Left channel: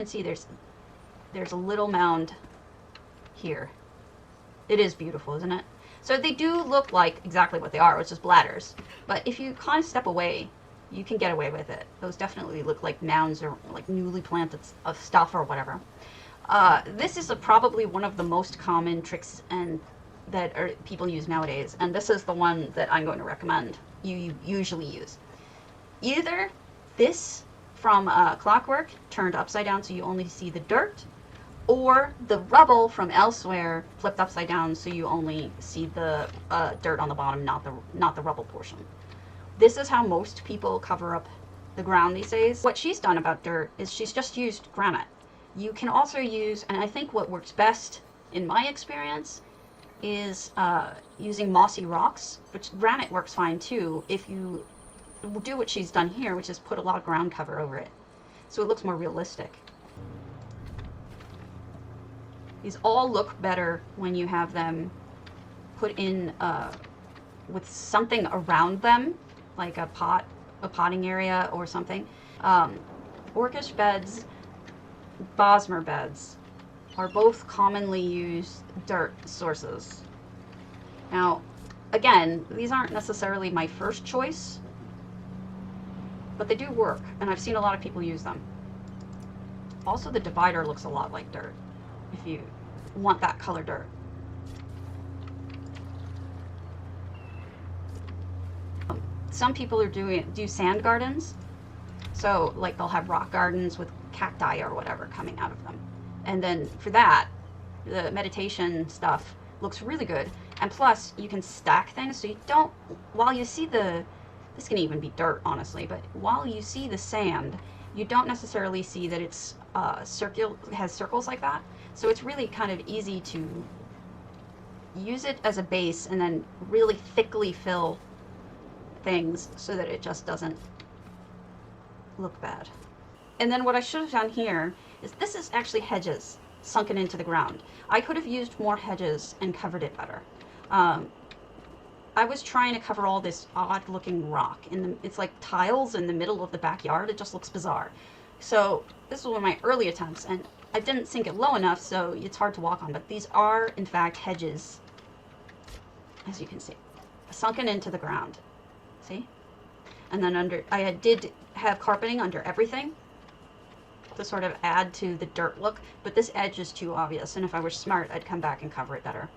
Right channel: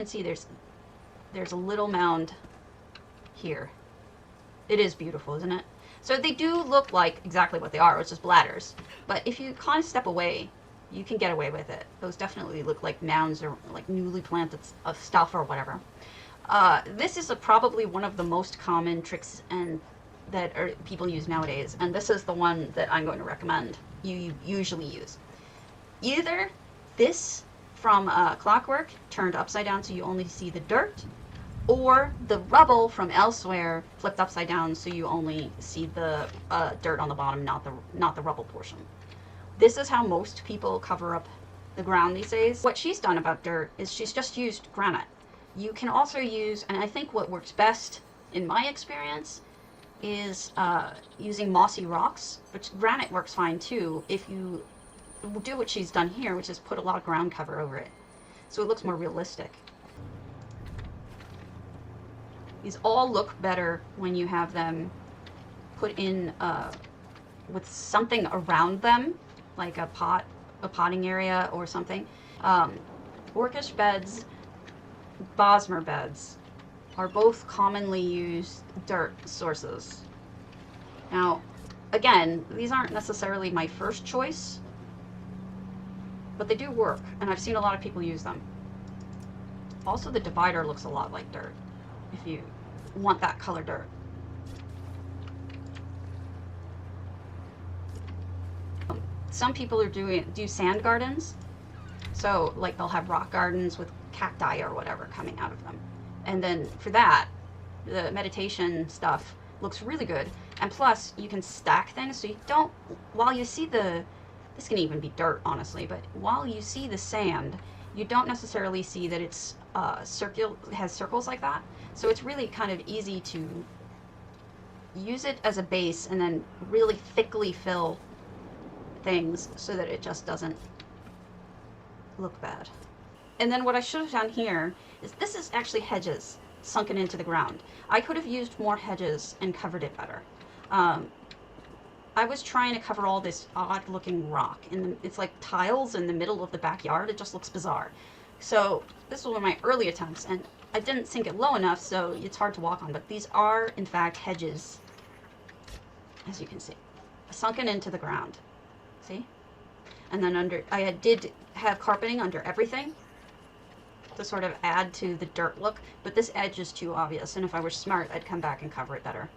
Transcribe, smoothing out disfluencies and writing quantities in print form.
can see there's a little mound here. It is beautiful, isn't it? So they do look like exactly what they are, which is bladders. But if you kind of step away, you can get away with it. Those definitely look like mounds or like newly planted stuff or whatever. This is probably one of the most common tricks that people use nowadays, and this is the one that I'm going to recommend you usually use. Either this from Clockwork turned upside down so you only see the dirt, or the rubble from elsewhere flipped upside down so you only see the dirt on the bottom, not the rubble portion. This is how most people cover up the ground these days. What she's done about dirt is she's just used granite. You can also use, and I think what works best in my experience, is using mossy rocks, which granite works fine too if you do what she's done here, which is put a lot of ground cover over it. So it looks more realistic. These all look better when you have them put in with something around them, like a potting area or something. Orcish beds, Bosmer beds are both commonly used dirt sources. Now, again, these aren't necessarily my first choice, but they do work, and I've seen a lot of people use them. Also, the divider looks a lot like dirt, if you want that color dirt. Some people do sand gardens, so like they'll have rock gardens with cacti or whatever coming out of them. And then for that, the meditation stuff looks really good. And plus, you can stack things so you don't, while you see this can even be dirt, honestly, but while you see the sand, you don't necessarily see that it's has circles like that. So it's really kind of easy to use it as a base and then really thickly fill things so that it just doesn't look bad. And then what I should have done here is, this is actually hedges sunken into the ground. I could have used more hedges and covered it better. I was trying to cover all this odd looking rock, and it's like tiles in the middle of the backyard. It just looks bizarre. So this was one of my early attempts, and I didn't sink it low enough, so it's hard to walk on. But these are, in fact, hedges, as you can see, sunken into the ground. See? And then I did have carpeting under everything to sort of add to the dirt look, but this edge is too obvious, and if I were smart, I'd come back and cover it better.